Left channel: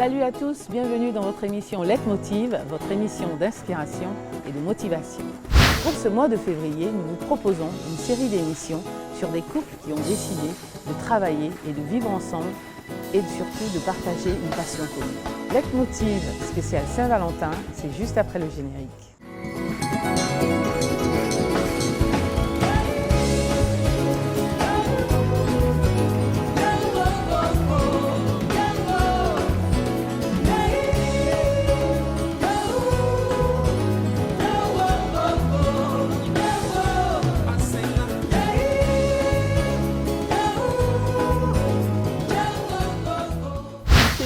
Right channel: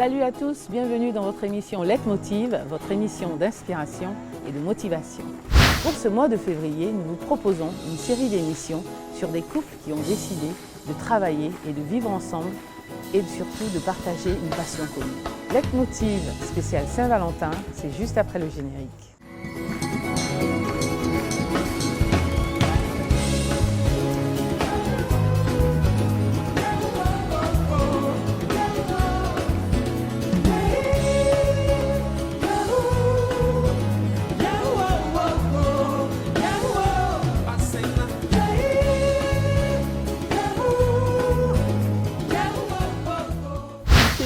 Salut à tous, bienvenue dans votre émission Leitmotiv, votre émission d'inspiration et de motivation. Pour ce mois de février, nous vous proposons une série d'émissions sur des couples qui ont décidé de travailler et de vivre ensemble et surtout de partager une passion commune. Leitmotiv spécial Saint-Valentin, c'est juste après le générique.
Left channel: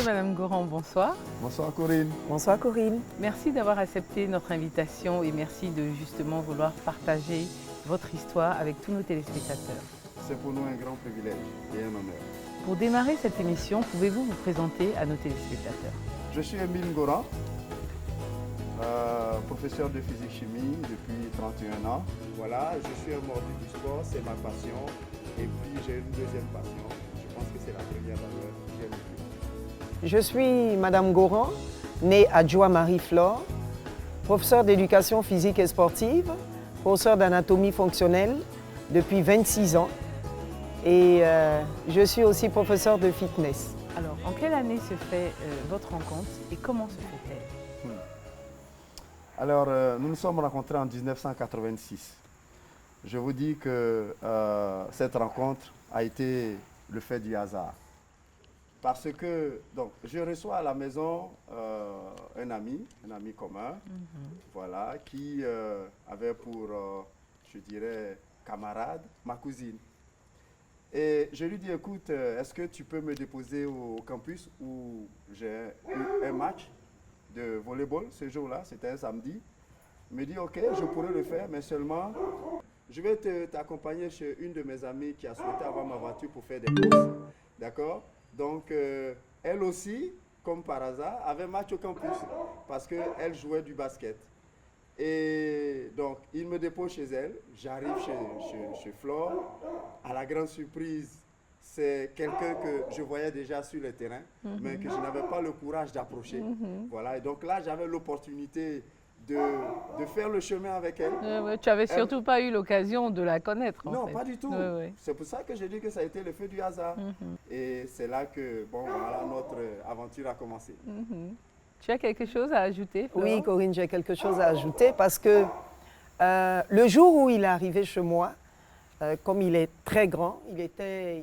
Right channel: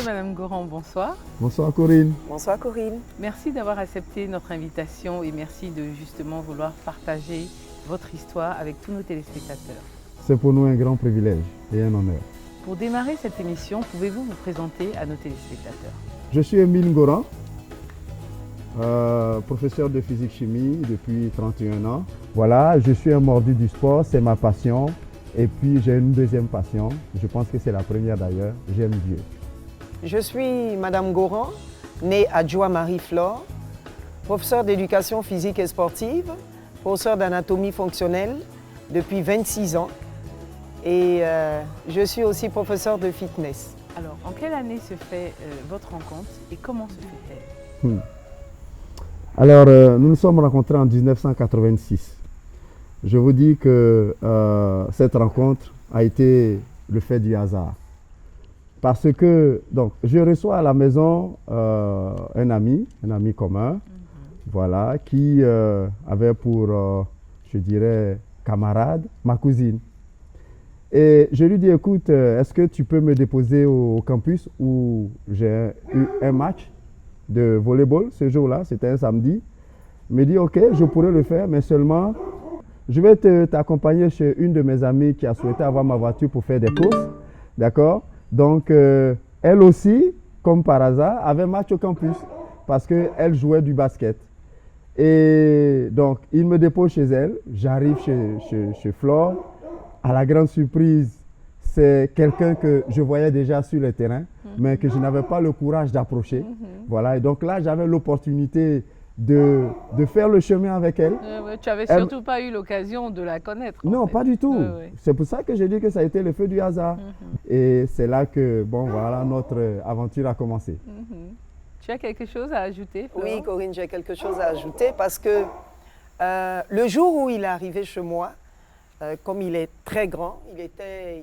Madame Goran, bonsoir. Bonsoir Corinne. Bonsoir Corinne. Merci d'avoir accepté notre invitation et merci de justement vouloir partager votre histoire avec tous nos téléspectateurs. C'est pour nous un grand privilège et un honneur. Pour démarrer cette émission, pouvez-vous vous présenter à nos téléspectateurs? Je suis Émile Goran, professeur de physique-chimie depuis 31 ans. Voilà, je suis un mordu du sport, c'est ma passion. Et puis j'ai une deuxième passion, je pense que c'est la première d'ailleurs, j'aime Dieu. Je suis Madame Goran, née à Joie-Marie-Flore, professeure d'éducation physique et sportive, professeure d'anatomie fonctionnelle depuis 26 ans et je suis aussi professeure de fitness. Alors, en quelle année se fait votre rencontre et comment se fait-elle? Alors, nous nous sommes rencontrés en 1986. Je vous dis que cette rencontre a été le fait du hasard. Parce que donc, je reçois à la maison un ami commun, voilà, qui avait pour, je dirais, camarade, ma cousine. Et je lui dis, écoute, est-ce que tu peux me déposer au campus où j'ai eu un match de volleyball ce jour-là, c'était un samedi. Il me dit, ok, je pourrais le faire, mais seulement, je vais t'accompagner chez une de mes amies qui a souhaité avoir ma voiture pour faire des courses, d'accord? Donc, elle aussi, comme par hasard, avait match au campus parce qu'elle jouait du basket. Et donc, il me dépose chez elle. J'arrive chez Flore. À la grande surprise, c'est quelqu'un que je voyais déjà sur le terrain, mais que je n'avais pas le courage d'approcher. Voilà. Et donc là, j'avais l'opportunité de faire le chemin avec elle. Tu n'avais surtout pas eu l'occasion de la connaître. Non, pas du tout. C'est pour ça que j'ai dit que ça a été le feu du hasard. Et c'est là que, bon, voilà, notre aventure a commencé. Tu as quelque chose à ajouter, Flore? Oui, Corinne, j'ai quelque chose à ajouter parce que le jour où il est arrivé chez moi, comme il est très grand,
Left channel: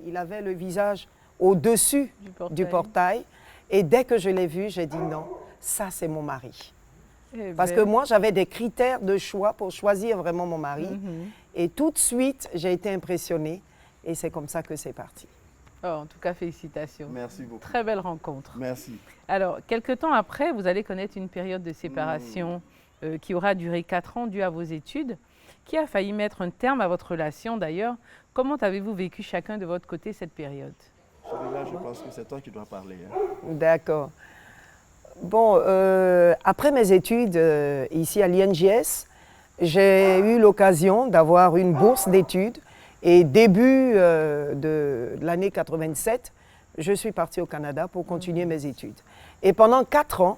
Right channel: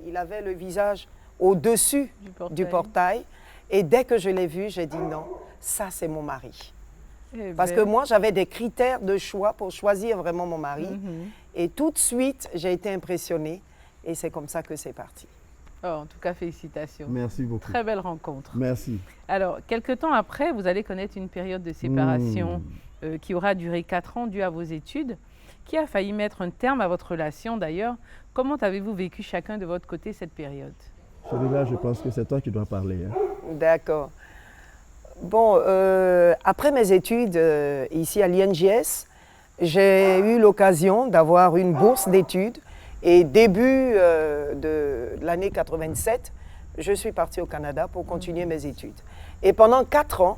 il avait le visage au-dessus du portail. Et dès que je l'ai vu, j'ai dit non, ça c'est mon mari. Parce que moi, j'avais des critères de choix pour choisir vraiment mon mari. Et tout de suite, j'ai été impressionnée. Et c'est comme ça que c'est parti. Oh, en tout cas, félicitations. Merci beaucoup. Très belle rencontre. Merci. Alors, quelque temps après, vous allez connaître une période de séparation qui aura duré 4 ans due à vos études, qui a failli mettre un terme à votre relation d'ailleurs. Comment avez-vous vécu chacun de votre côté cette période? Celui-là, je pense que c'est toi qui dois parler. Hein. D'accord. Bon, après mes études ici à l'INJS, j'ai eu l'occasion d'avoir une bourse d'études et début de l'année 87, je suis partie au Canada pour continuer mes études. Et pendant 4 ans,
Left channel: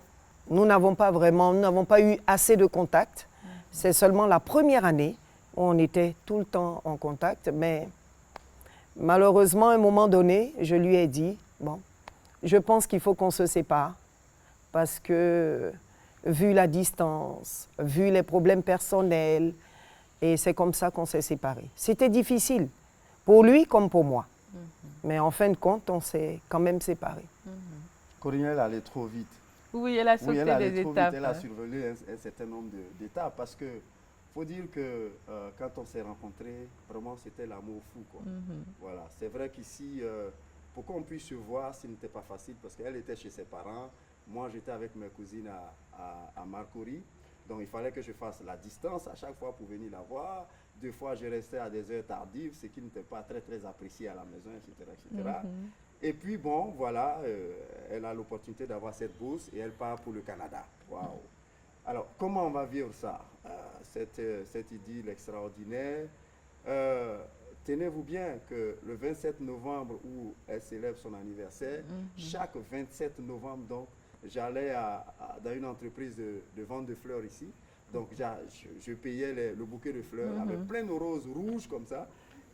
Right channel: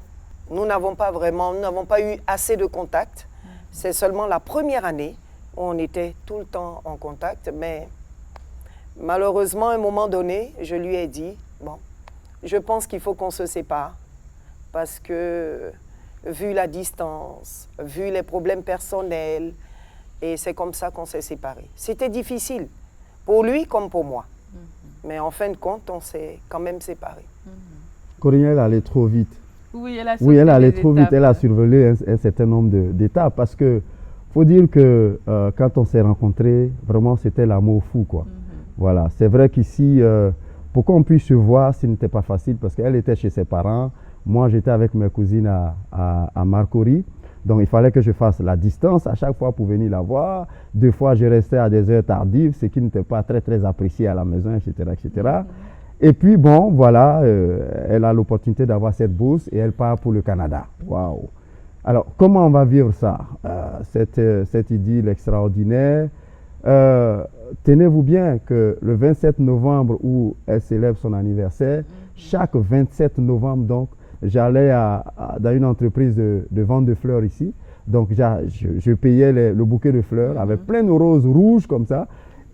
nous n'avons pas eu assez de contact. C'est seulement la première année où on était tout le temps en contact, mais malheureusement, à un moment donné, je lui ai dit, bon, je pense qu'il faut qu'on se sépare. Parce que, vu la distance, vu les problèmes personnels, et c'est comme ça qu'on s'est séparés. C'était difficile, pour lui comme pour moi. Mais en fin de compte, on s'est quand même séparés. Corinne, elle allait trop vite. Oui, elle a sauté elle allait trop vite. Elle a survolé un certain nombre d'étapes. Parce que, faut dire que quand on s'est rencontrés, vraiment, c'était l'amour fou, quoi. Voilà. C'est vrai qu'ici, pour qu'on puisse se voir, ce n'était pas facile parce qu'elle était chez ses parents. Moi, j'étais avec mes cousines à Marcory. Donc, il fallait que je fasse la distance à chaque fois pour venir la voir. 2 fois, je restais à des heures tardives, ce qui n'était pas très, très apprécié à la maison, etc. etc. Et puis, bon, voilà, elle a l'opportunité d'avoir cette bourse et elle part pour le Canada. Waouh! Alors, comment on va vivre ça? Cette idylle extraordinaire. Tenez-vous bien que le 27 novembre où elle célèbre son anniversaire, chaque 27 novembre, donc, j'allais dans une entreprise de vente de fleurs ici. Donc, je payais le bouquet de fleurs avec plein de roses rouges comme ça.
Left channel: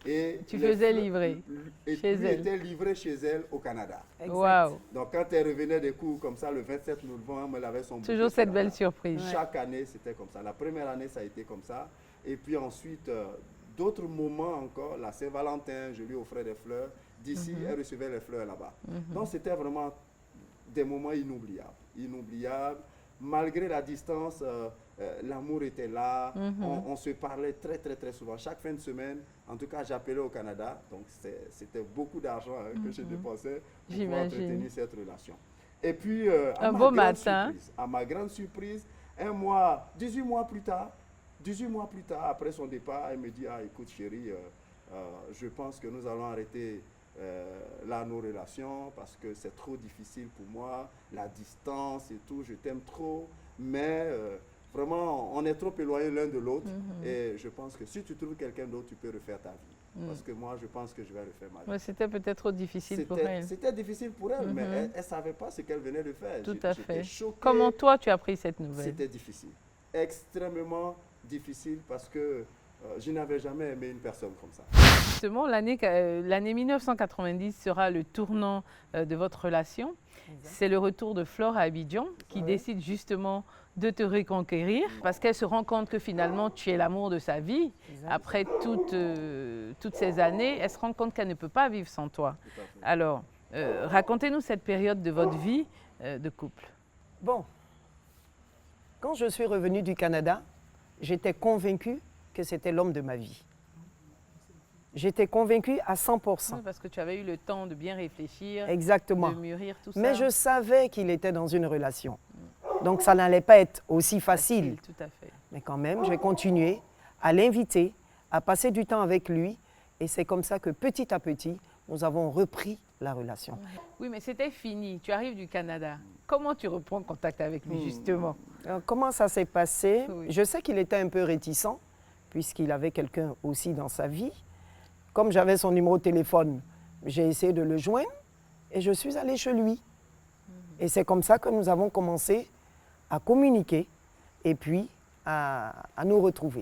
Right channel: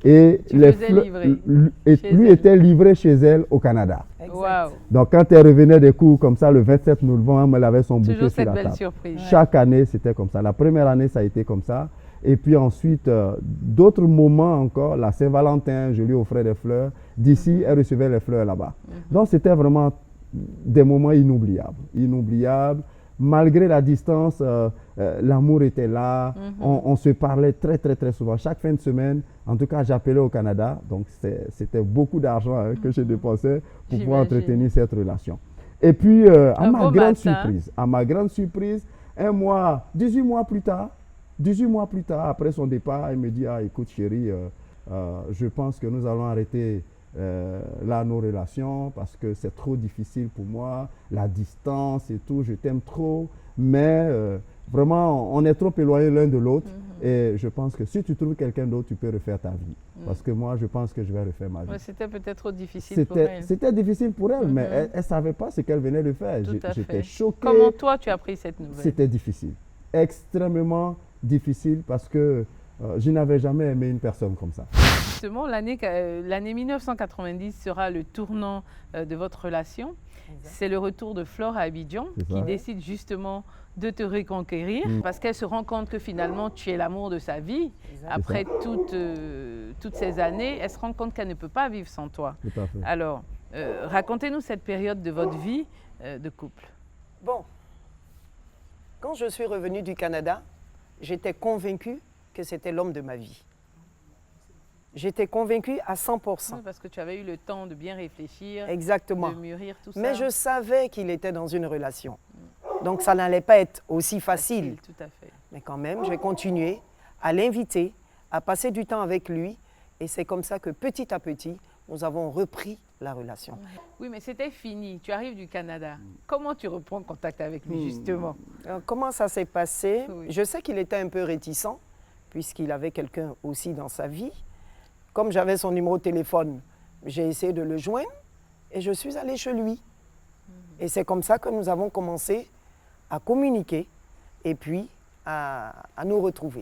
Et tu faisais livrer lui était livré chez elle au Canada. Wow. Donc, quand elle revenait des cours comme ça, le 27 novembre, elle avait son bouquet Toujours sur la cette belle table. surprise. Chaque année, c'était comme ça. La première année, ça a été comme ça. Et puis ensuite, d'autres moments encore, la Saint-Valentin, je lui offrais des fleurs. D'ici, elle recevait les fleurs là-bas. Donc, c'était vraiment des moments inoubliables. Inoubliables. Malgré la distance, l'amour était là. On se parlait très, très, très souvent. Chaque fin de semaine, en tout cas, j'appelais au Canada. Donc, c'était beaucoup d'argent que je dépensais pour pouvoir entretenir cette relation. Et puis, à ma grande surprise, 18 mois plus tard, après son départ, elle me dit, ah, écoute chérie, je pense que nous allons arrêter là nos relations parce que c'est trop difficile pour moi, la distance et tout, je t'aime trop, mais vraiment, on est trop éloignés l'un de l'autre et je pense que si tu trouves quelqu'un d'autre, tu peux refaire ta vie. Parce que moi, je pense que je vais refaire ma vie. Ouais, c'était peut-être trop difficile pour elle. C'était difficile pour elle, mais elle ne savait pas ce qu'elle venait de faire. J'étais choqué. Comment toi, tu as pris cette nouvelle? C'était difficile, extrêmement difficile parce que je n'avais jamais aimé une personne comme ça. Justement, l'année 1990 sera le tournant de votre relation. C'est le retour de Flore à Abidjan qui décide justement de te reconquérir parce qu'elle se rend compte que finalement tu es l'amour de sa vie. Après toutes ces années, elle se rend compte qu'elle ne peut pas vivre sans toi. Alors, racontez-nous cette période de votre vie de couple. Bon, quand je suis revenue du Canada, j'étais convaincue que c'était l'homme de ma vie. J'étais convaincue à 100%. Oui, parce que tu avais eu le temps de bien réfléchir, exactement, de mûrir tout ça. Mais je savais qu'il était dans une relation. Donc ça n'allait pas être aussi facile. Tout à fait. Mais quand même, j'ai continué à l'inviter, à passer du temps avec lui. Et c'est comme ça que petit à petit, nous avons repris la relation. Oui, mais c'était fini. Tu arrives du Canada. Comment tu reprends contact avec lui, justement? Alors, comment ça s'est passé? Je sais qu'il était un peu réticent, puisqu'il avait quelqu'un aussi dans sa vie. Comme j'avais son numéro de téléphone, j'ai essayé de le joindre et je suis allée chez lui. Et c'est comme ça que nous avons commencé à communiquer et puis à nous retrouver.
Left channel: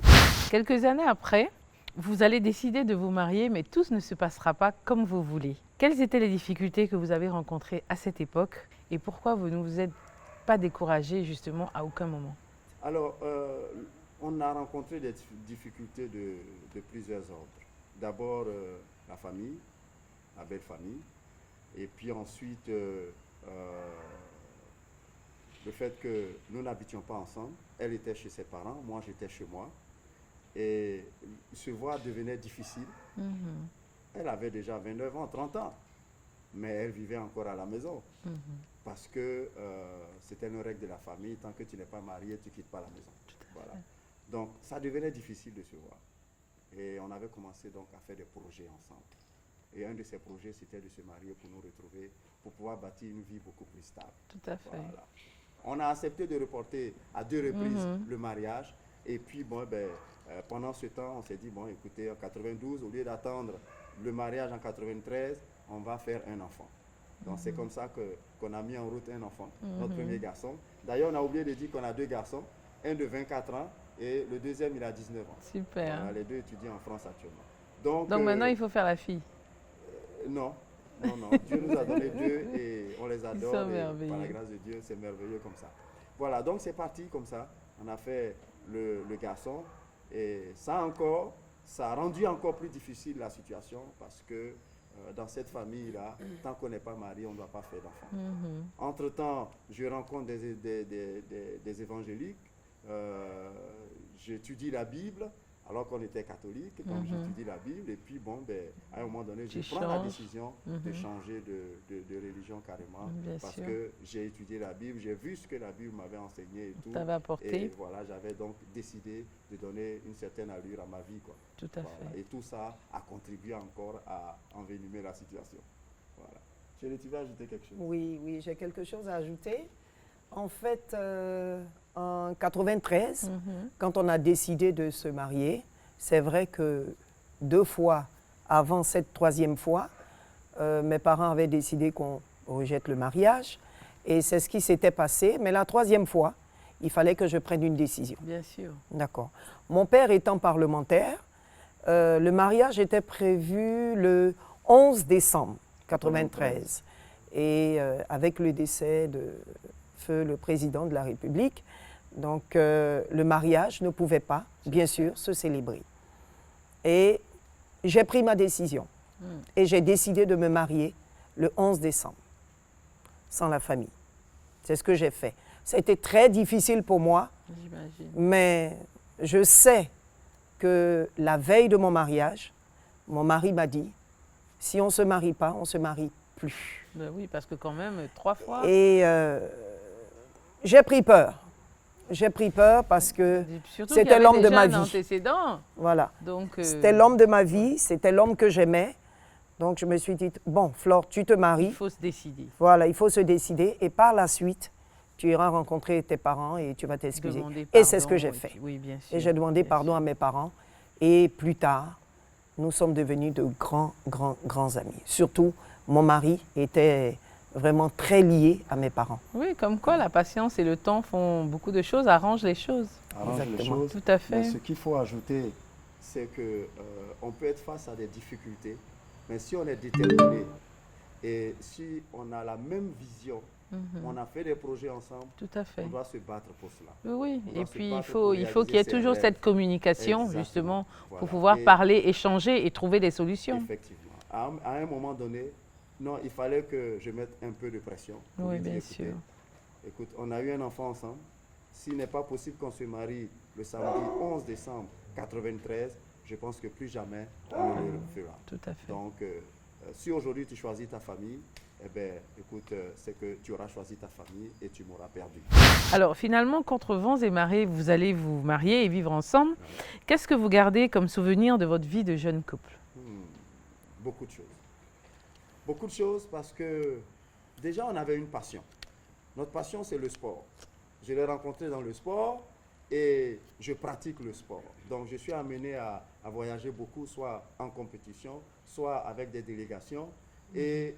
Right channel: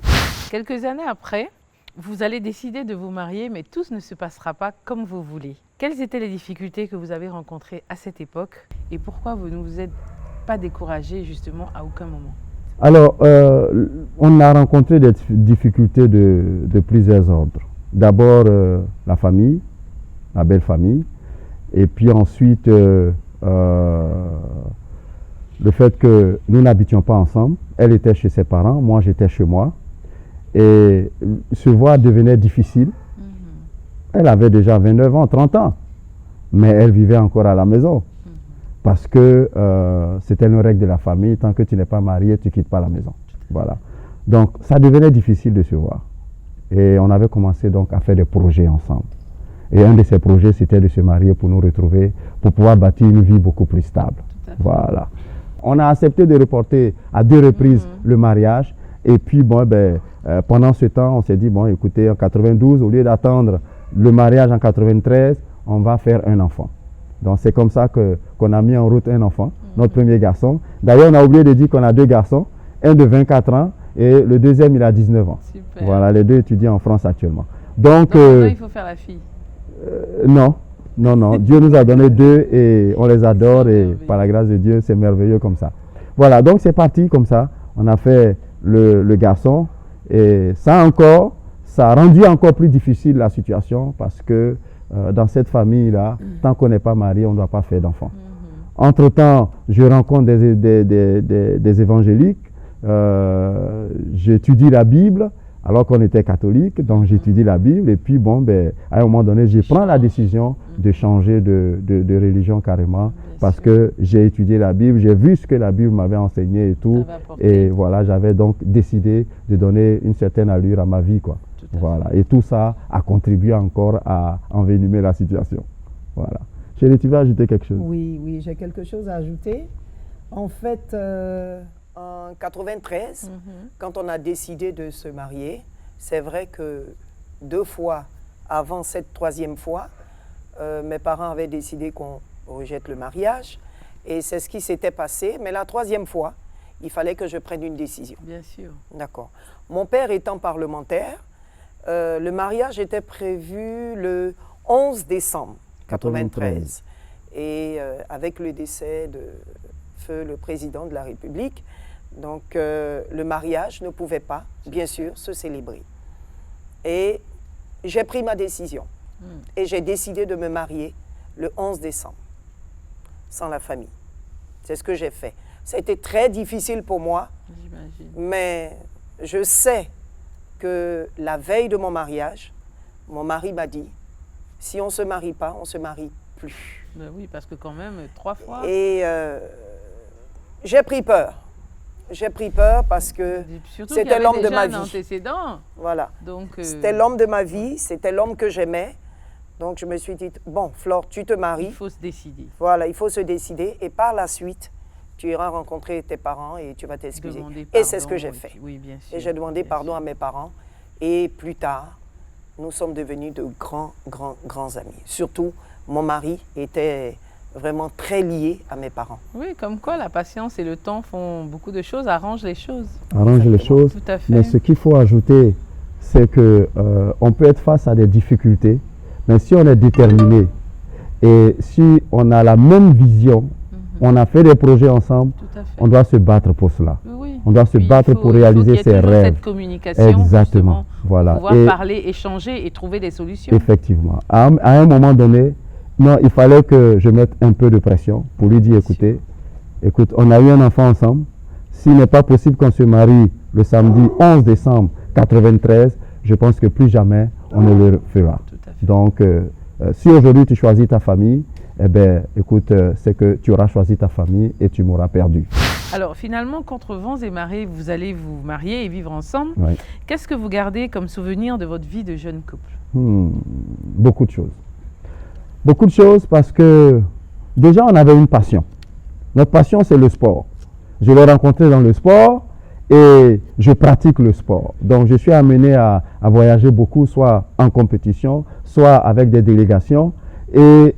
Quelques années après, vous allez décider de vous marier, mais tout ne se passera pas comme vous voulez. Quelles étaient les difficultés que vous avez rencontrées à cette époque et pourquoi vous ne vous êtes pas découragé justement à aucun moment? Alors, on a rencontré des difficultés de plusieurs ordres. D'abord, la famille, la belle famille, et puis ensuite, le fait que nous n'habitions pas ensemble. Elle était chez ses parents, moi j'étais chez moi. Et se voir devenait difficile. Elle avait déjà 29 ans, 30 ans, mais elle vivait encore à la maison. Parce que c'était une règle de la famille, tant que tu n'es pas marié, tu ne quittes pas la maison. Voilà. Donc ça devenait difficile de se voir. Et on avait commencé donc à faire des projets ensemble. Et un de ces projets, c'était de se marier pour nous retrouver, pour pouvoir bâtir une vie beaucoup plus stable. Voilà. On a accepté de reporter à 2 reprises le mariage. Et puis, bon, pendant ce temps, on s'est dit, bon, écoutez, en 92, au lieu d'attendre le mariage en 93, on va faire un enfant. Donc, c'est comme ça qu'on a mis en route un enfant, notre premier garçon. D'ailleurs, on a oublié de dire qu'on a 2 garçons, un de 24 ans et le deuxième, il a 19 ans. Super. Voilà, les 2 étudient en France actuellement. Donc maintenant, il faut faire la fille. Non. Dieu nous a donné 2 et on les adore et par la grâce de Dieu, c'est merveilleux comme ça. Voilà, donc c'est parti comme ça. On a fait le garçon et ça a rendu encore plus difficile la situation parce que dans cette famille-là, tant qu'on n'est pas marié, on ne doit pas faire d'enfants. Entre-temps, je rencontre des évangéliques, j'étudie la Bible alors qu'on était catholique, donc j'étudie la Bible et puis bon, à un moment donné, je prends la décision de changer de religion carrément parce que j'ai étudié la Bible, j'ai vu ce que la Bible m'avait enseigné et tout. Et voilà, j'avais donc décidé de donner une certaine allure à ma vie, quoi. Voilà. Et tout ça a contribué encore à envenimer la situation. Voilà. Chérie, tu veux ajouter quelque chose? Oui, j'ai quelque chose à ajouter. En fait, en 93, quand on a décidé de se marier, c'est vrai que 2 fois avant cette 3e fois, mes parents avaient décidé qu'on rejette le mariage. Et c'est ce qui s'était passé. Mais la troisième fois, il fallait que je prenne une décision. Bien sûr. D'accord. Mon père étant parlementaire, le mariage était prévu le 11 décembre 1993. Et avec le décès de feu le président de la République, donc le mariage ne pouvait pas, bien sûr, se célébrer. Et j'ai pris ma décision. Et j'ai décidé de me marier le 11 décembre, sans la famille. C'est ce que j'ai fait. Ça a été très difficile pour moi, mais je sais que la veille de mon mariage, mon mari m'a dit, si on ne se marie pas, on ne se marie plus. Ben oui, parce que quand même, 3 fois. Et j'ai pris peur. J'ai pris peur parce que c'était l'homme de ma vie. Antécédent. Voilà. Donc, c'était l'homme de ma vie, c'était l'homme que j'aimais. Donc je me suis dit, bon, Flore, tu te maries. Il faut se décider. Voilà, il faut se décider. Et par la suite, tu iras rencontrer tes parents et tu vas t'excuser. Et c'est ce que j'ai fait. Oui, bien sûr. Et j'ai demandé pardon à mes parents. Et plus tard, nous sommes devenus de grands amis. Surtout, mon mari était vraiment très lié à mes parents. Oui, comme quoi la patience et le temps font beaucoup de choses, arrangent les choses. Arrangent les choses. Tout à fait. Mais ce qu'il faut ajouter, c'est que on peut être face à des difficultés, mais si on est déterminé et si on a la même vision, on a fait des projets ensemble, on doit se battre pour cela. Oui. On doit se battre pour réaliser ses rêves. Il faut qu'il y ait toujours cette communication, justement, voilà. Pour pouvoir parler, échanger et trouver des solutions. Effectivement. À un moment donné, non, il fallait que je mette un peu de pression pour lui dire, écoute, on a eu un enfant ensemble. S'il n'est pas possible qu'on se marie le samedi 11 décembre 1993, je pense que plus jamais on ne le fera. Tout à fait. Donc, si aujourd'hui tu choisis ta famille, eh bien, écoute, c'est que tu auras choisi ta famille et tu m'auras perdu. Alors, finalement, contre vents et marées, vous allez vous marier et vivre ensemble. Oui. Qu'est-ce que vous gardez comme souvenir de votre vie de jeune couple? Beaucoup de choses. Beaucoup de choses parce que déjà, on avait une passion. Notre passion, c'est le sport. Je l'ai rencontré dans le sport et je pratique le sport. Donc, je suis amené à voyager beaucoup, soit en compétition, soit avec des délégations. Et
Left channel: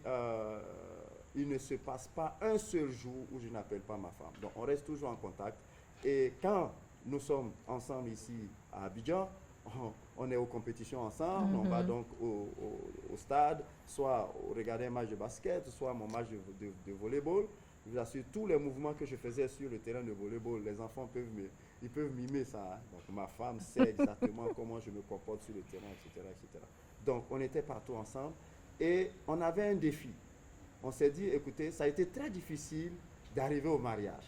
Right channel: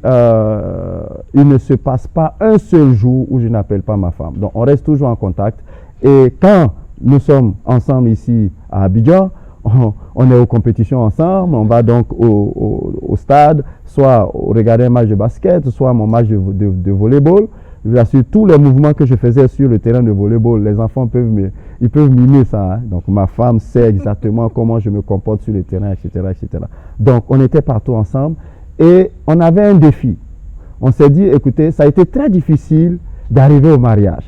il ne se passe pas un seul jour où je n'appelle pas ma femme. Donc, on reste toujours en contact. Et quand nous sommes ensemble ici à Abidjan, on est aux compétitions ensemble. On va donc au stade, soit regarder un match de basket, soit mon match de volleyball. Je vous assure, tous les mouvements que je faisais sur le terrain de volleyball, les enfants peuvent mimer ça. Hein. Donc, ma femme sait exactement comment je me comporte sur le terrain, etc., etc. Donc, on était partout ensemble. Et on avait un défi. On s'est dit, écoutez, ça a été très difficile d'arriver au mariage.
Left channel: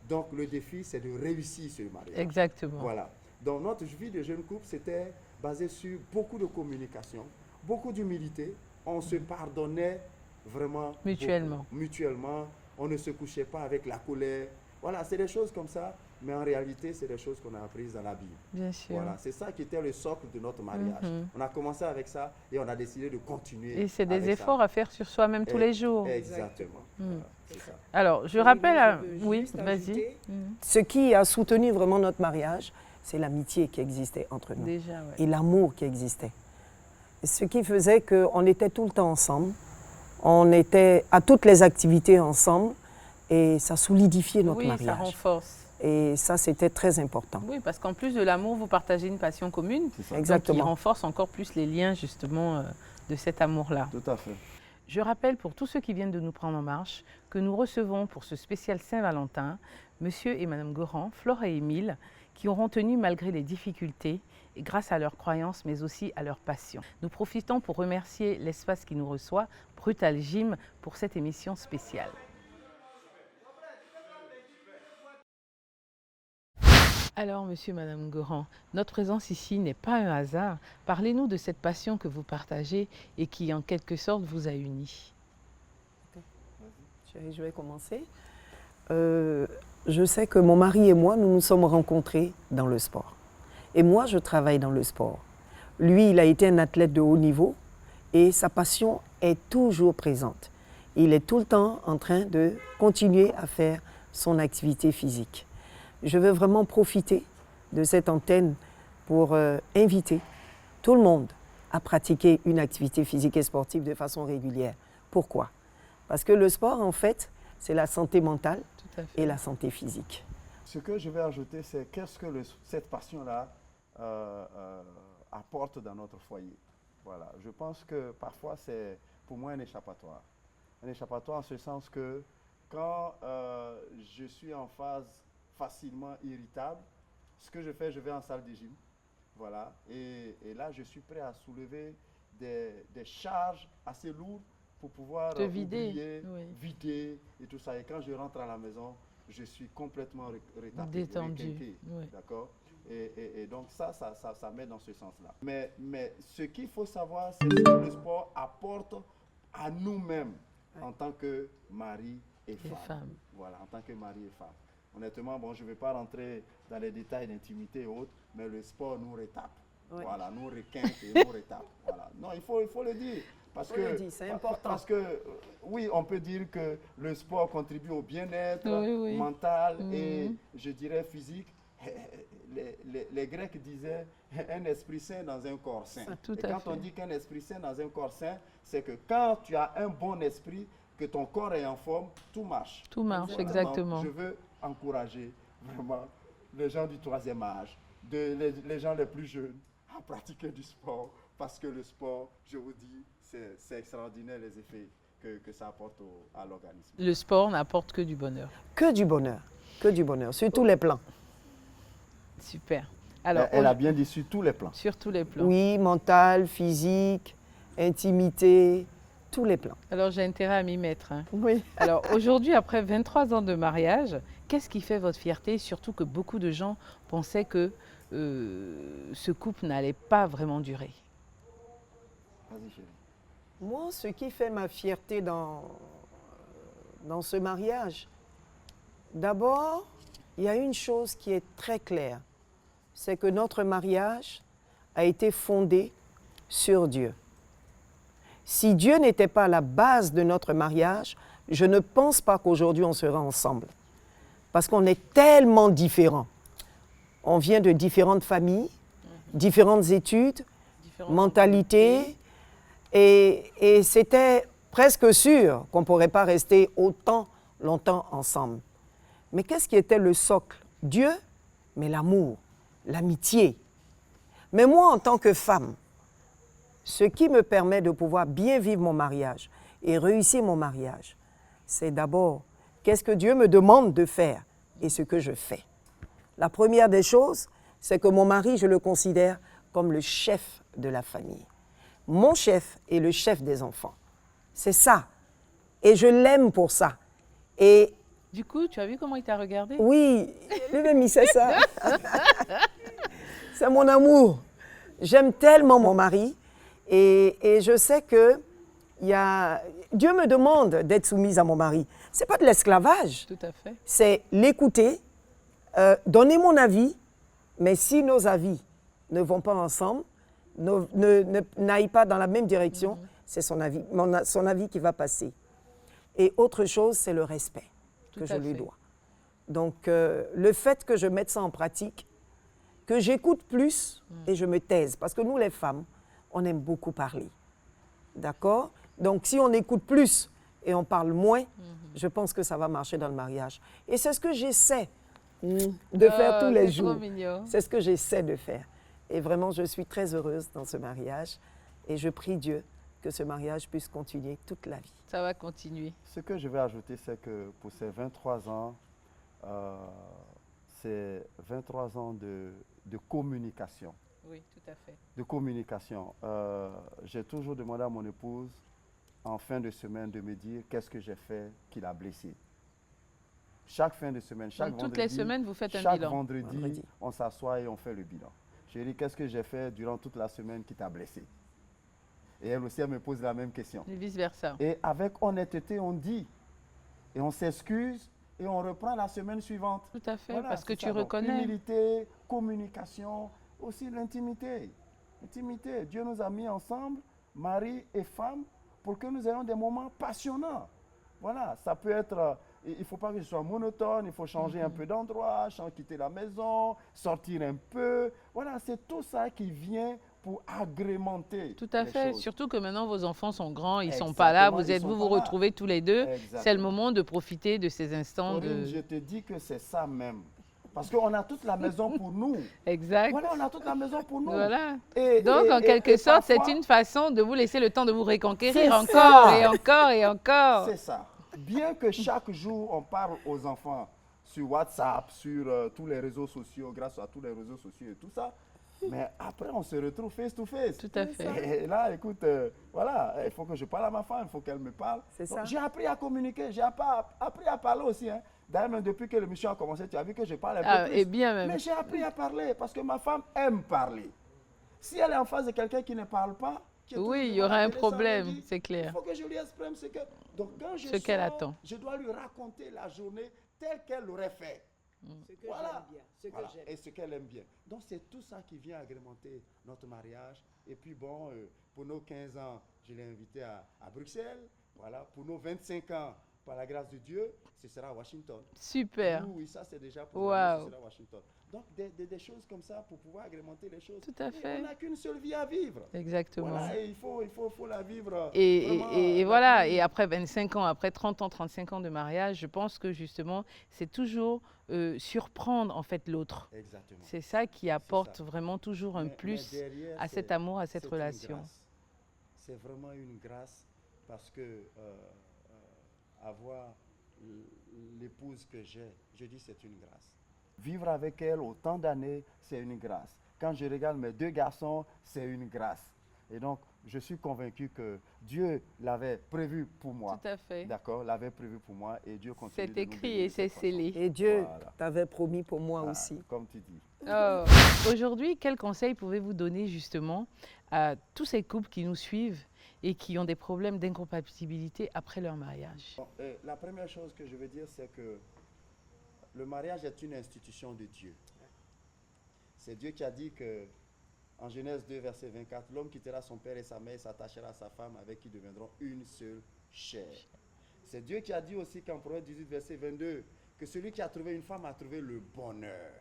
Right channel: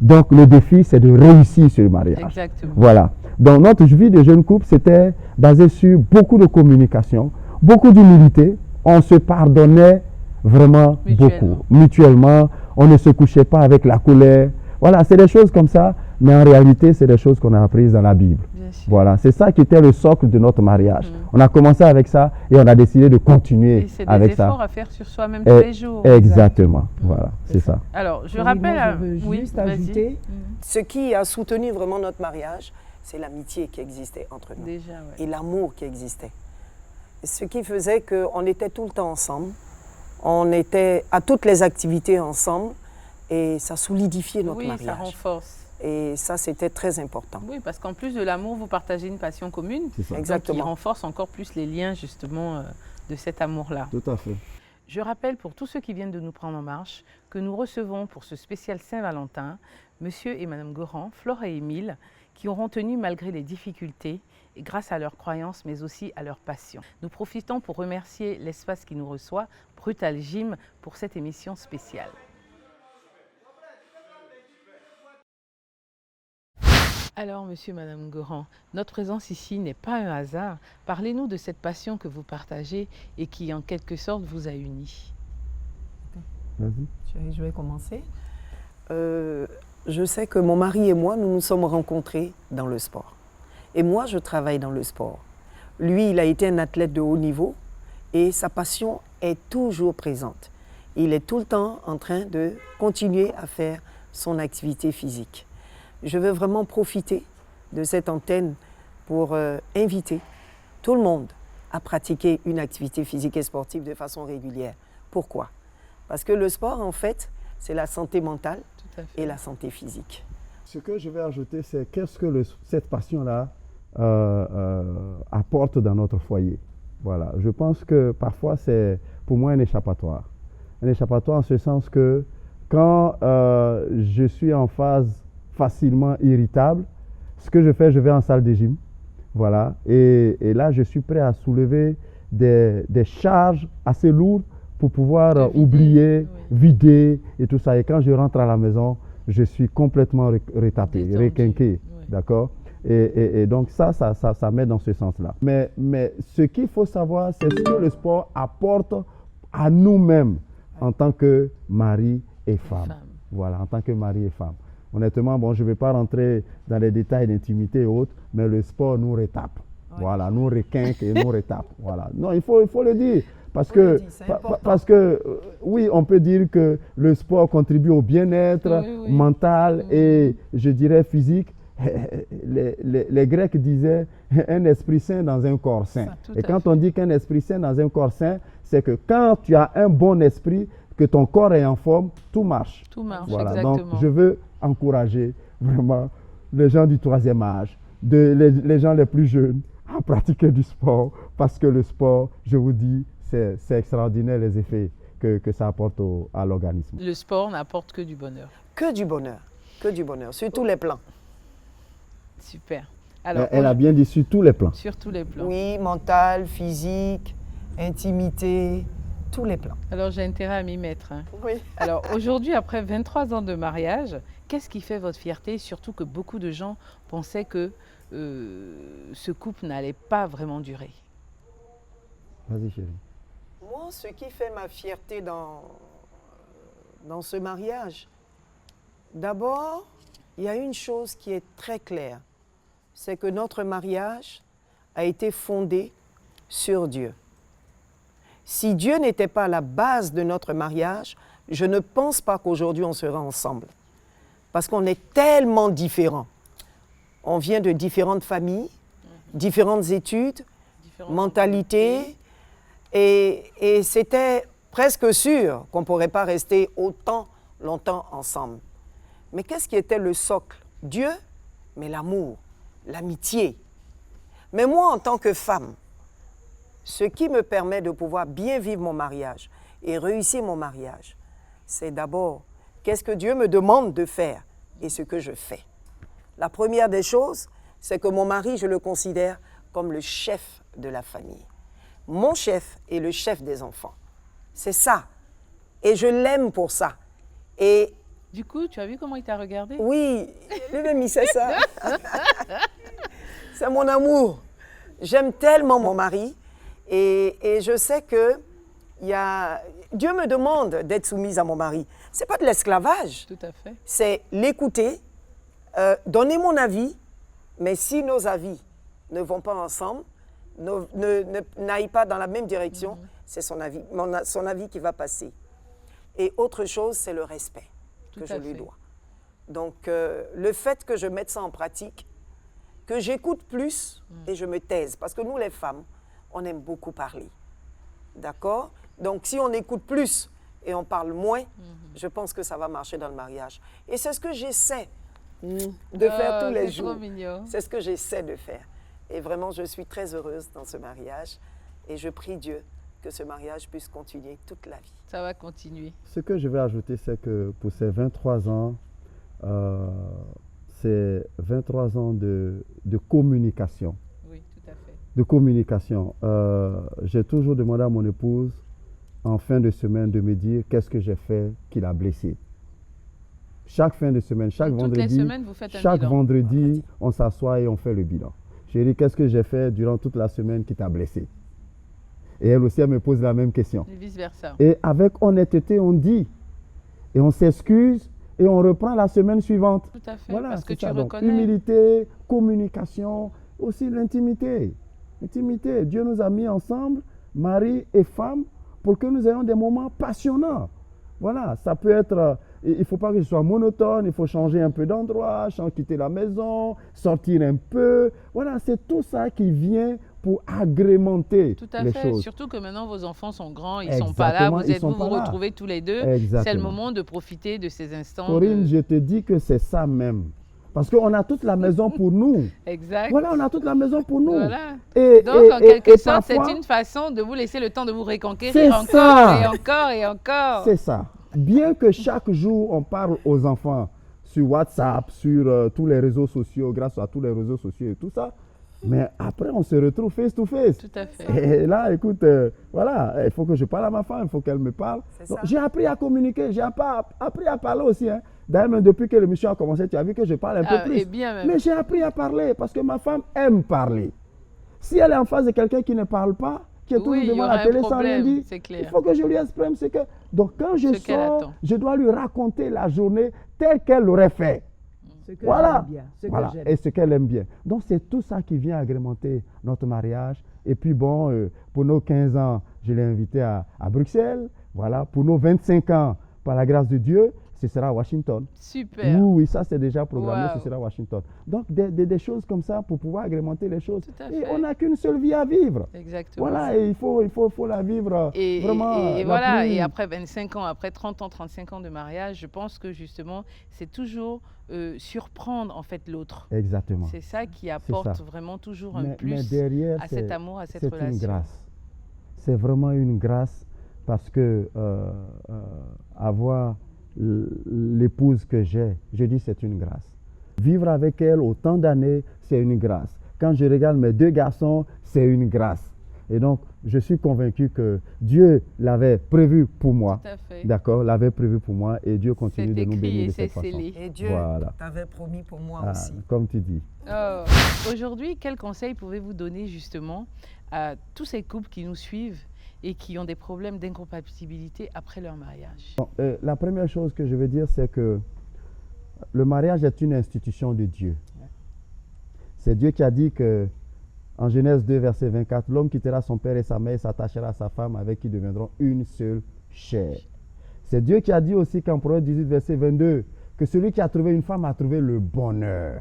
Donc, le défi, c'est de réussir sur le mariage. Exactement. Voilà. Donc, notre vie de jeune couple, c'était basé sur beaucoup de communication, beaucoup d'humilité. On se pardonnait vraiment beaucoup. Mutuellement. On ne se couchait pas avec la colère. Voilà, c'est des choses comme ça. Mais en réalité, c'est des choses qu'on a apprises dans la Bible. Voilà, c'est ça qui était le socle de notre mariage. On a commencé avec ça et on a décidé de continuer avec ça. Et c'est des efforts à faire sur soi-même tous les jours. Exactement, voilà, c'est ça. Alors, je rappelle... Oui, vas-y. Ce qui a soutenu vraiment notre mariage, c'est l'amitié qui existait entre nous. Déjà, et l'amour qui existait. Ce qui faisait qu'on était tout le temps ensemble. On était à toutes les activités ensemble et ça solidifiait notre mariage. Oui, ça renforce. Et ça, c'était très important. Oui, parce qu'en plus de l'amour, vous partagez une passion commune. Exactement. Qui renforce encore plus les liens, justement, de cet amour-là. Tout à fait. Je rappelle pour tous ceux qui viennent de nous prendre en marche que nous recevons pour ce spécial Saint-Valentin Monsieur et Madame Goran, Flore et Émile, qui auront tenu malgré les difficultés et grâce à leurs croyances, mais aussi à leur passion. Nous profitons pour remercier l'espace qui nous reçoit, Brutal Gym, pour cette émission spéciale. Alors, monsieur, madame Goran, notre présence ici n'est pas un hasard. Parlez-nous de cette passion que vous partagez et qui, en quelque sorte, vous a unis. Vas-y. Je vais commencer. Je sais que mon mari et moi, nous nous sommes rencontrés dans le sport. Et moi, je travaille dans le sport. Lui, il a été un athlète de haut niveau et sa passion est toujours présente. Il est tout le temps en train de continuer à faire son activité physique. Je veux vraiment profiter de cette antenne pour inviter tout le monde à pratiquer une activité physique et sportive de façon régulière. Pourquoi? Parce que le sport, en fait, c'est la santé mentale Tout à fait. et la santé physique. Ce que je vais ajouter, c'est qu'est-ce que cette passion-là apporte dans notre foyer. Voilà. Je pense que parfois, c'est pour moi un échappatoire. Un échappatoire en ce sens que quand je suis en phase facilement irritable, ce que je fais, je vais en salle de gym. Voilà. Et là, je suis prêt à soulever des charges assez lourdes pour pouvoir oublier, vider et tout ça. Et quand je rentre à la maison, je suis complètement retapé, requinqué. Oui. D'accord? Et donc ça m'aide dans ce sens-là. Mais ce qu'il faut savoir, c'est ce que le sport apporte à nous-mêmes en tant que mari et femme. Voilà, en tant que mari et femme. Honnêtement, bon, je ne vais pas rentrer dans les détails d'intimité et autres, mais le sport nous retape. Ouais. Voilà, nous requinque et nous retape. Voilà. Non, il faut le dire. Parce que, oui, on peut dire que le sport contribue au bien-être mental et, je dirais, physique. Les Grecs disaient un esprit sain dans un corps sain. Et quand on dit qu'un esprit sain dans un corps sain, c'est que quand tu as un bon esprit, que ton corps est en forme, tout marche. Tout marche, voilà. exactement. Donc, je veux encourager vraiment les gens du troisième âge, les gens les plus jeunes à pratiquer du sport parce que le sport, je vous dis, c'est extraordinaire les effets que ça apporte à l'organisme. Le sport n'apporte que du bonheur. Que du bonheur, sur tous les plans. Super. Alors, elle a bien dit sur tous les plans. Sur tous les plans. Oui, mental, physique, intimité, tous les plans. Alors j'ai intérêt à m'y mettre. Hein. Oui. Alors aujourd'hui, après 23 ans de mariage, qu'est-ce qui fait votre fierté? Surtout que beaucoup de gens pensaient que ce couple n'allait pas vraiment durer. Vas-y chérie. Moi, ce qui fait ma fierté dans ce mariage, d'abord, il y a une chose qui est très claire, c'est que notre mariage a été fondé sur Dieu. Si Dieu n'était pas la base de notre mariage, je ne pense pas qu'aujourd'hui on serait ensemble. Parce qu'on est tellement différents. On vient de différentes familles, différentes études, mentalités, et c'était presque sûr qu'on ne pourrait pas rester autant longtemps ensemble. Mais qu'est-ce qui était le socle? Dieu, mais l'amour, l'amitié. Mais moi, en tant que femme, ce qui me permet de pouvoir bien vivre mon mariage et réussir mon mariage, c'est d'abord qu'est-ce que Dieu me demande de faire et ce que je fais. La première des choses, c'est que mon mari, je le considère comme le chef de la famille. Mon chef est le chef des enfants. C'est ça. Et je l'aime pour ça. Et du coup, tu as vu comment il t'a regardé? Oui, lui-même, il sait ça. C'est mon amour. J'aime tellement mon mari. Et je sais que Dieu me demande d'être soumise à mon mari. Ce n'est pas de l'esclavage. Tout à fait. C'est l'écouter, donner mon avis, mais si nos avis ne vont pas ensemble, n'aillent pas dans la même direction, c'est son avis qui va passer. Et autre chose, c'est le respect que je lui dois. Donc, le fait que je mette ça en pratique, que j'écoute plus et je me taise, parce que nous, les femmes, on aime beaucoup parler. D'accord? Donc, si on écoute plus et on parle moins, je pense que ça va marcher dans le mariage. Et c'est ce que j'essaie de faire tous les jours. C'est ce que j'essaie de faire. Et vraiment, je suis très heureuse dans ce mariage. Et je prie Dieu que ce mariage puisse continuer toute la vie. Ça va continuer. Ce que je vais ajouter, c'est que pour ces 23 ans, c'est 23 ans de communication. Oui, tout à fait. De communication. J'ai toujours demandé à mon épouse, en fin de semaine, de me dire qu'est-ce que j'ai fait qui l'a blessé. Chaque fin de semaine, chaque donc, vendredi, toutes les semaines, vous faites un chaque bilan. vendredi, on s'assoit et on fait le bilan. J'ai dit, qu'est-ce que j'ai fait durant toute la semaine qui t'a blessé? Et elle aussi, elle me pose la même question. Et vice-versa. Et avec honnêteté, on dit, et on s'excuse, et on reprend la semaine suivante. Tout à fait, voilà, parce que tu ça. reconnais. Donc, humilité, communication, aussi l'intimité. Intimité. Dieu nous a mis ensemble, mari et femme, pour que nous ayons des moments passionnants. Voilà, ça peut être, il ne faut pas que ce soit monotone, il faut changer un peu d'endroit, quitter la maison, sortir un peu. Voilà, c'est tout ça qui vient pour agrémenter Tout à les fait. choses. Surtout que maintenant, vos enfants sont grands, ils ne sont Exactement, pas là, ils sont vous vous pas là. retrouvez tous les deux. C'est le Exactement. moment de profiter de ces instants. Corinne, je te dis que c'est ça même. Parce qu'on a toute la maison pour nous. Exact. Voilà, on a toute la maison pour nous. Voilà. Et, Donc, en quelque sorte, parfois, c'est une façon de vous laisser le temps de vous reconquérir C'est encore ça. et encore et encore. C'est ça. Bien que chaque jour, on parle aux enfants sur WhatsApp, sur tous les réseaux sociaux, grâce à tous les réseaux sociaux et tout ça, mais après, on se retrouve face to face. Tout à fait. Et là, écoute, voilà, il faut que je parle à ma femme, il faut qu'elle me parle. C'est Donc, ça. j'ai appris à communiquer, j'ai appris à parler aussi. Hein. D'ailleurs, même depuis que l'émission a commencé, tu as vu que je parle un peu plus. Et bien même. Mais j'ai appris à parler parce que ma femme aime parler. Si elle est en face de quelqu'un qui ne parle pas, qui est toujours Oui, il y devant aura la un télé sans rien problème, dire, c'est il clair. faut que je lui exprime ce que... Donc quand je Ce qu'elle sors, attend. je dois lui raconter la journée telle qu'elle l'aurait fait. Ce que Voilà. j'aime bien, ce que Voilà. j'aime. Et ce qu'elle aime bien. Donc c'est tout ça qui vient agrémenter notre mariage. Et puis bon, pour nos 15 ans, je l'ai invité à Bruxelles. Voilà. Pour nos 25 ans, par la grâce de Dieu, ce sera à Washington. Super. Oui, ça c'est déjà programmé, Wow. ce sera à Washington. Donc des choses comme ça pour pouvoir agrémenter les choses. Tout à Et fait. on n'a qu'une seule vie à vivre. Exactement. Voilà, et il faut la vivre Et, vraiment. et la voilà, plus- et après 25 ans, après 30 ans, 35 ans de mariage, je pense que justement, c'est toujours surprendre en fait l'autre. Exactement. C'est ça qui apporte ça. vraiment toujours un Mais plus derrière, à c'est- cet amour, à cette c'est une relation. grâce. C'est vraiment une grâce parce que avoir l'épouse que j'ai, je dis c'est une grâce. Vivre avec elle autant d'années, c'est une grâce. Quand je regarde mes 2 garçons, c'est une grâce. Et donc, je suis convaincu que Dieu l'avait prévu pour moi. Tout à fait. D'accord, l'avait prévu pour moi et Dieu C'est continue de nous écrit bénir et de c'est cette façon. scellé. Et Dieu Voilà. t'avait promis pour moi Ah, aussi. comme tu dis. Oh. Aujourd'hui, quels conseils pouvez-vous donner justement à tous ces couples qui nous suivent et qui ont des problèmes d'incompatibilité après leur mariage? Bon, la première chose que je veux dire, c'est que le mariage est une institution de Dieu. C'est Dieu qui a dit que, en Genèse 2, verset 24, l'homme quittera son père et sa mère et s'attachera à sa femme avec qui deviendront une seule chair. C'est Dieu qui a dit aussi qu'en Proverbe 18, verset 22, que celui qui a trouvé une femme a trouvé le bonheur.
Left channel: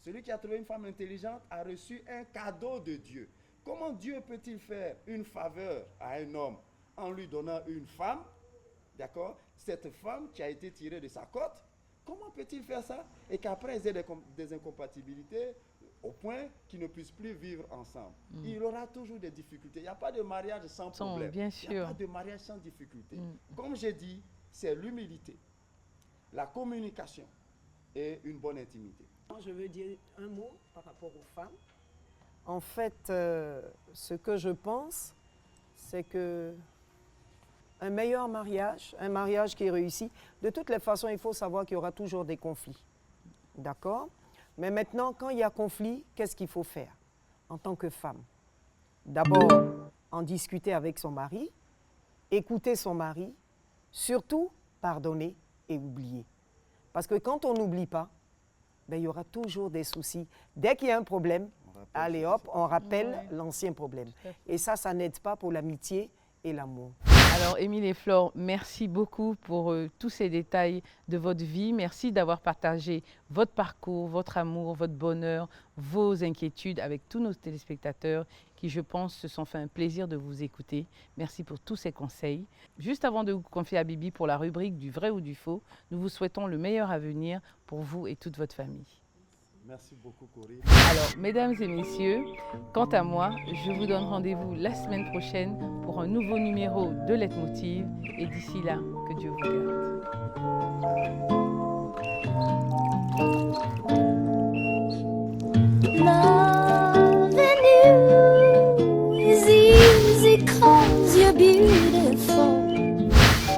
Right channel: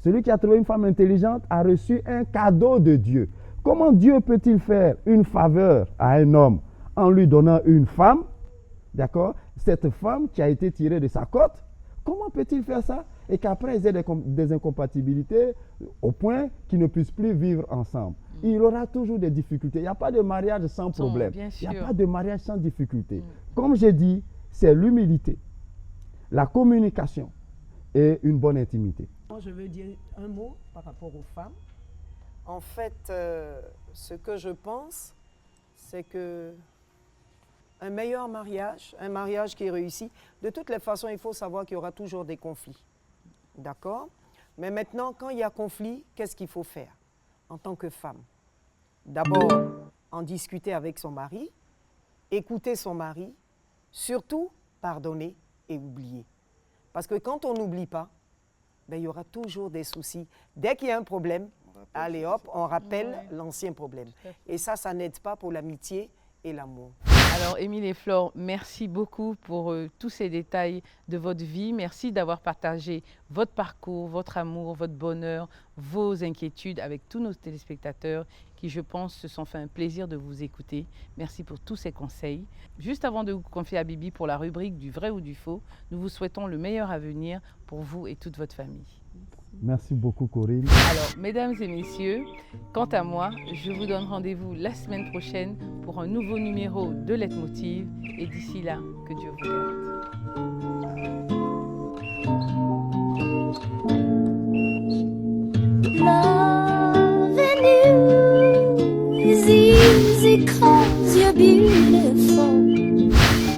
Celui qui a trouvé une femme intelligente a reçu un cadeau de Dieu. Comment Dieu peut-il faire une faveur à un homme en lui donnant une femme? D'accord? Cette femme qui a été tirée de sa côte, comment peut-il faire ça? Et qu'après, ils aient des incompatibilités au point qu'ils ne puissent plus vivre ensemble. Il aura toujours des difficultés. Il n'y a pas de mariage sans problème. bien Il n'y a sûr. pas de mariage sans difficulté. Comme j'ai dit, c'est l'humilité, la communication et une bonne intimité. Moi, je veux dire un mot par rapport aux femmes. En fait, ce que je pense, c'est que un meilleur mariage, un mariage qui est réussi, de toutes les façons, il faut savoir qu'il y aura toujours des conflits. D'accord? Mais maintenant, quand il y a conflit, qu'est-ce qu'il faut faire en tant que femme? D'abord, en discuter avec son mari, écouter son mari, surtout pardonner et oublier. Parce que quand on n'oublie pas, ben, il y aura toujours des soucis. Dès qu'il y a un problème, allez hop, on rappelle l'ancien problème. Et ça n'aide pas pour l'amitié et l'amour. Alors, Émile et Flore, merci beaucoup pour tous ces détails de votre vie. Merci d'avoir partagé votre parcours, votre amour, votre bonheur, vos inquiétudes avec tous nos téléspectateurs qui, je pense, se sont fait un plaisir de vous écouter. Merci pour tous ces conseils. Juste avant de vous confier à Bibi pour la rubrique du vrai ou du faux, nous vous souhaitons le meilleur avenir pour vous et toute votre famille. Merci beaucoup, Corinne. Alors, mesdames et messieurs, quant à moi, je vous donne rendez-vous la semaine prochaine pour un nouveau numéro de Leitmotiv. Et d'ici là, que Dieu vous garde. Loving you is easy 'cause you're beautiful.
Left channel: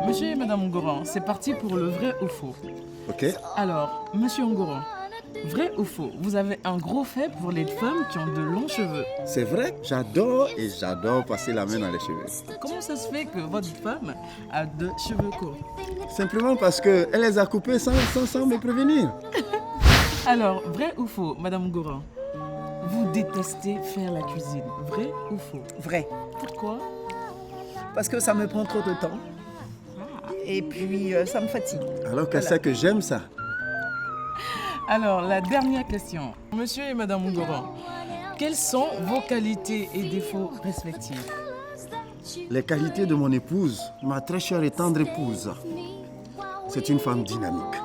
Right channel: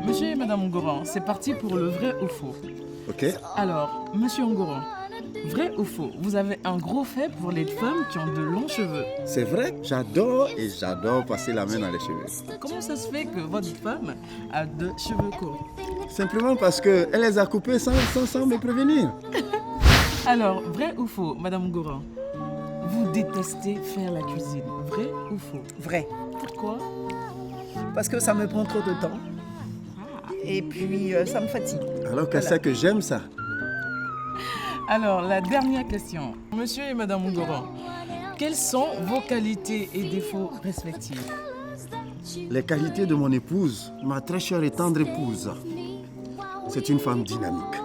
Monsieur et Madame Ongoran, c'est parti pour le vrai ou faux. Ok. Alors, Monsieur Ongoran, vrai ou faux, vous avez un gros fait pour les femmes qui ont de longs cheveux. C'est vrai, j'adore et j'adore passer la main dans les cheveux. Comment ça se fait que votre femme a de cheveux courts? Simplement parce qu'elle les a coupés sans me prévenir. Alors, vrai ou faux, Madame Ongoran, vous détestez faire la cuisine. Vrai ou faux? Vrai. Pourquoi? Parce que ça me prend trop de temps. Et puis, ça me fatigue. Alors qu'elle sait que j'aime ça. Alors, la dernière question. Monsieur et Madame Ongoran, quelles sont vos qualités et défauts respectifs? Les qualités de mon épouse, ma très chère et tendre épouse, c'est une femme dynamique.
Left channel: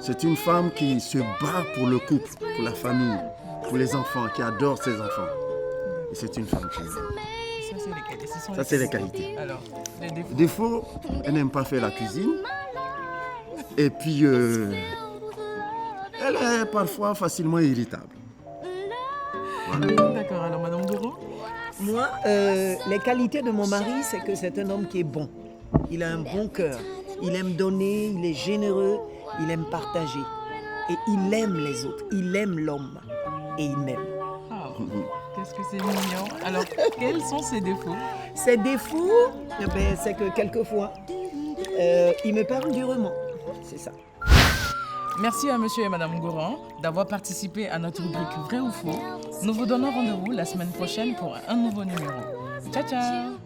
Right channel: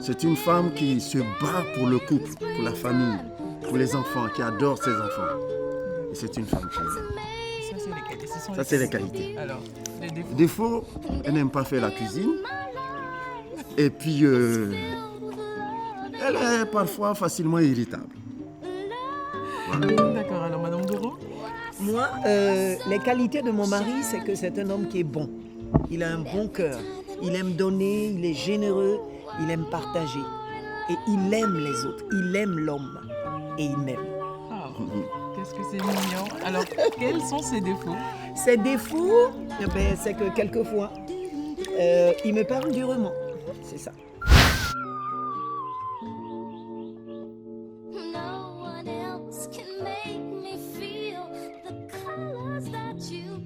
C'est une femme qui se bat pour le couple, pour la famille, pour les enfants, qui adore ses enfants. Et c'est une femme qui aime. Ça, c'est les qualités. Ce sont Ça, c'est les qualités. Alors, les défauts. Défaut, elle n'aime pas faire la cuisine. Et puis, elle est parfois facilement irritable. D'accord, alors Madame Goron? Moi, les qualités de mon mari, c'est que c'est un homme qui est bon. Il a un bon cœur. Il aime donner, il est généreux, il aime partager. Et il aime les autres. Il aime l'homme. Et il m'aime. Oh, qu'est-ce que c'est mignon. Alors, quels sont ses défauts? Ses défauts, eh ben, c'est que quelquefois, il me parle durement. C'est ça. Merci à Monsieur et Madame Goron d'avoir participé à notre rubrique Vrai ou Faux. Nous vous donnons rendez-vous la semaine prochaine pour un nouveau numéro. Ciao, ciao!